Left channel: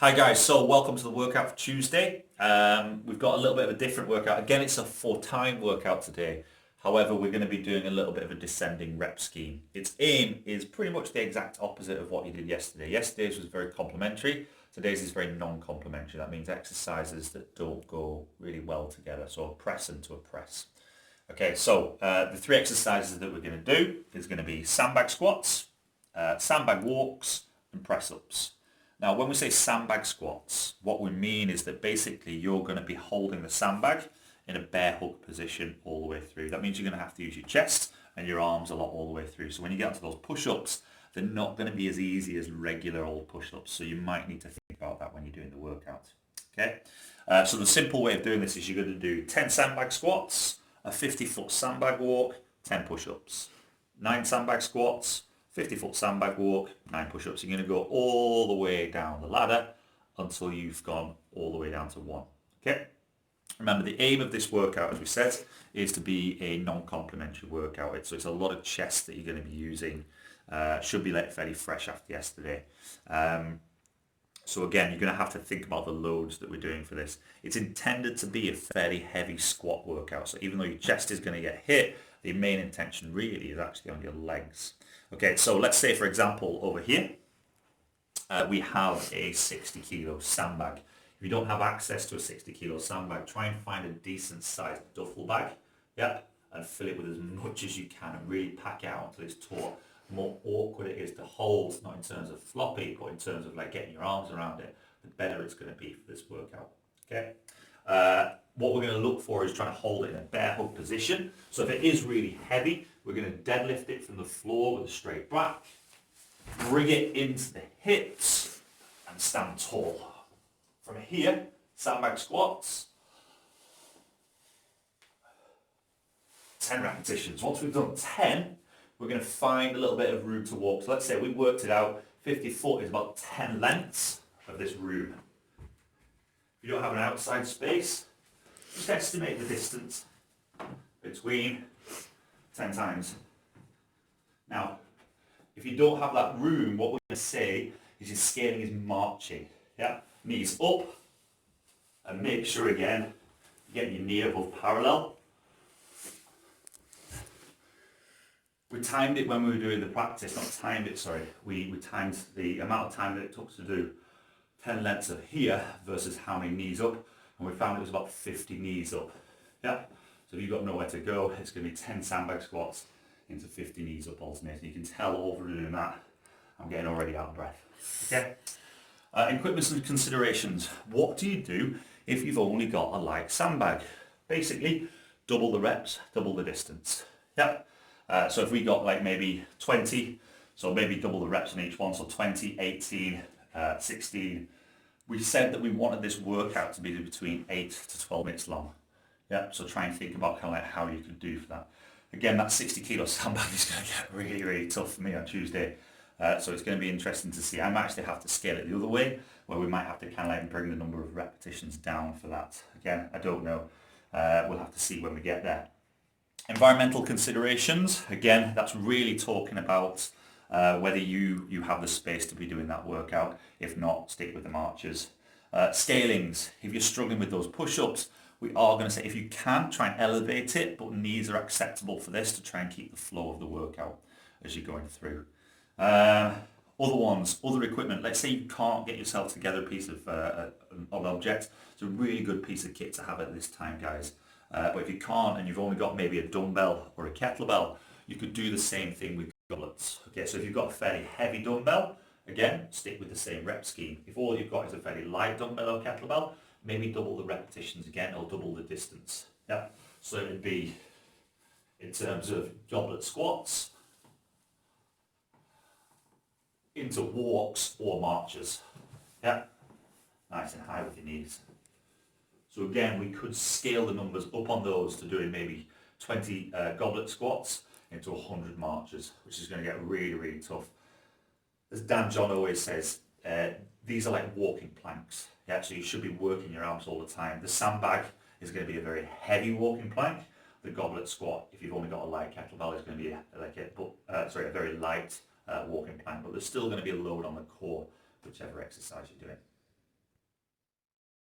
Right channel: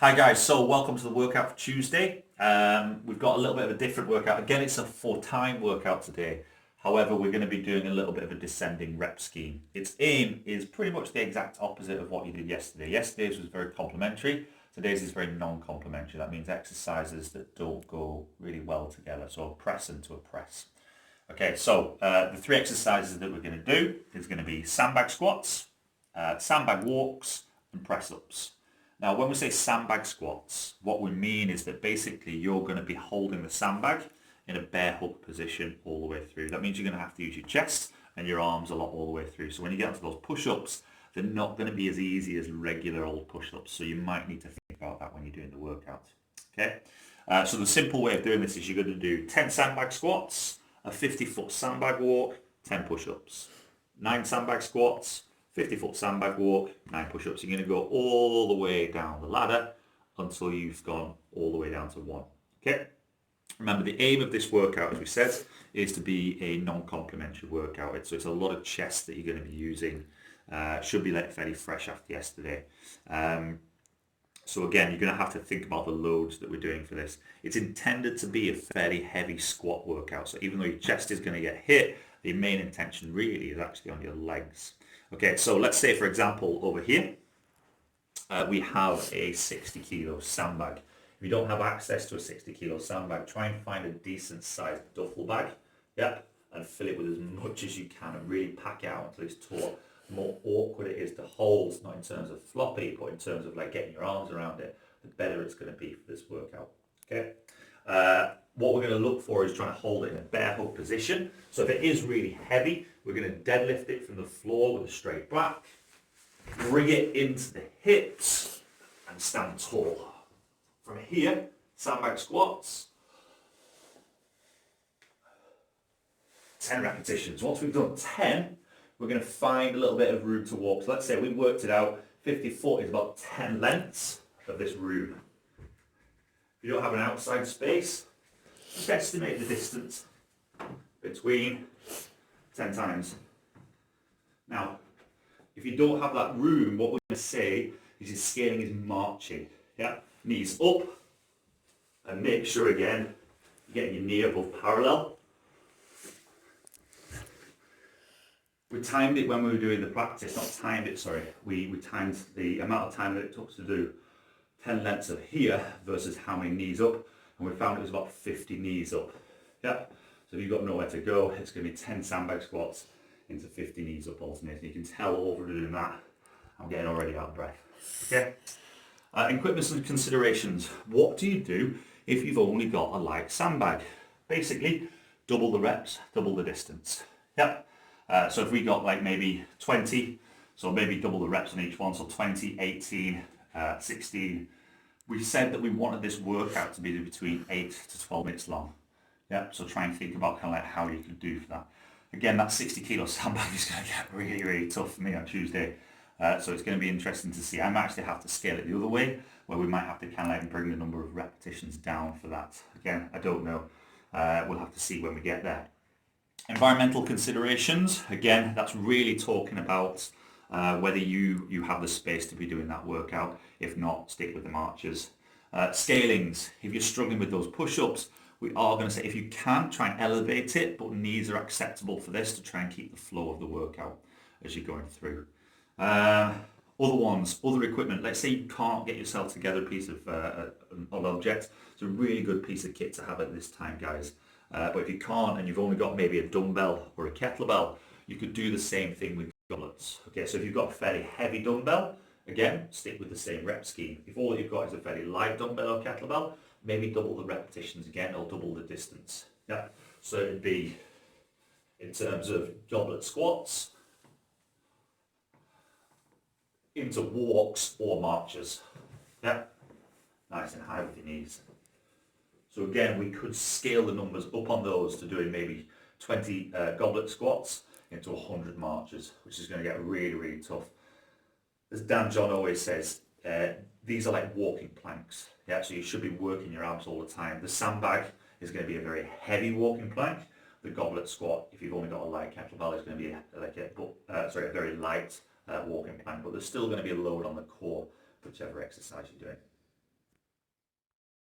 Hi guys, so welcome to the workout for Tuesday. We've got a little bit of a different workout. Again, it's a for-time workout today. However, we're going to be doing a little bit of a descending rep scheme. Its aim is pretty much the exact opposite of what you did yesterday. Yesterday's was very complementary. Today's is very non-complementary. That means exercises that don't go really well together. So a press into a press. Okay, so the three exercises that we're going to do is going to be sandbag squats, sandbag walks, and press-ups. Now, when we say sandbag squats, what we mean is that basically you're going to be holding the sandbag in a bear hug position all the way through. That means you're going to have to use your chest and your arms a lot all the way through. So when you get onto those push-ups, they're not going to be as easy as regular old push-ups. So you might need to think about that when you're doing the workout. Okay. So the simple way of doing this is you're going to do 10 sandbag squats, a 50-foot sandbag walk, 10 push-ups, 9 sandbag squats, 50-foot sandbag walk, 9 push-ups. You're going to go all the way down the ladder until you've gone all the way down to 1. Okay? Remember, the aim of this workout, as we said, is to be a non-complementary workout. So it's a lot of chest that you're going to be using. Should be fairly fresh after yesterday. So again, you're going to have to think about the loads that we're doing for this. It's intended to be a fairly heavy squat workout. So even though your chest is going to get hit, the main intention really is actually on your legs. Okay, so let's say, for example, over here, we have a 60 kilo sandbag. If you don't have access to a 60 kilo sandbag, try and find a decent sized duffel bag, yeah, and fill it with as much as you can and really pack it out until it's taut. The more awkward it is to hold, not in terms of floppy, but in terms of like getting your arms around it, the better it's going to be for this workout, okay? What we're going to look for is trying to hold it in a bear hug position. So if it is really heavy, we're going to deadlift it from the floor with a straight back, bring it into the hips, and stand tall. From here, sandbag squats, 10 repetitions. Once we've done 10, we're going to find a little bit of room to walk. So let's say we worked it out, 50 foot is about 10 lengths of this room. If you don't have an outside space, just estimate the distance between 10 times. Now, if you don't have that room, what we're going to say is your scaling is marching. Yeah, knees up, and make sure again you're getting your knee above parallel. We timed it when we were doing the practice, not timed it, sorry. We timed the amount of time that it took to do 10 lengths of here versus how many knees up, and we found it was about 50 knees up. Yeah. So if you've got nowhere to go, it's going to be 10 sandbag squats into 50 knees up alternating. You can tell over doing that, I'm getting already out of breath. Okay. Equipment and considerations. What do you do if you've only got a light sandbag? Basically, double the reps, double the distance. Yeah. So if we got like maybe 20, so maybe double the reps on each one, so 20, 18, 16. We said that we wanted this workout to be between 8 to 12 minutes long. Yeah, so try and think about kind of like how you can do for that. Again, that 60 kilo sandbag is going to get really, really tough for me on Tuesday. So it's going to be interesting to see. I might actually have to scale it the other way, where we might have to kind of like bring the number of repetitions down for that. Again, I don't know. We'll have to see when we get there. Environmental considerations. Again, that's really talking about whether you have the space to be doing that workout. If not, stick with the marches. Scalings. If you're struggling with those push-ups, we are going to say if you can, try and elevate it, but knees are acceptable for this to try and keep the flow of the workout as you're going through. Other ones, other equipment. Let's say you can't get yourself together a piece of an object. It's a really good piece of kit to have at this time, guys. But if you can't and you've only got maybe a dumbbell or a kettlebell, you could do the same thing with goblets. Okay, so if you've got a fairly heavy dumbbell, again, stick with the same rep scheme. If all you've got is a fairly light dumbbell or kettlebell, maybe double the repetitions again or double the distance. Yeah, so it would be in terms of goblet squats into walks or marches. Yeah, nice and high with your knees. So again, we could scale the numbers up on those to doing maybe 20 goblet squats into 100 marches, which is going to get really, really tough. As Dan John always says, these are like walking planks. Yeah, so you should be working your arms all the time. The sandbag is going to be a very heavy walking plank. The goblet squat, if you've only got a light kettlebell, is going to be a very light walking plank, but there's still going to be a load on the core, whichever exercise you're doing.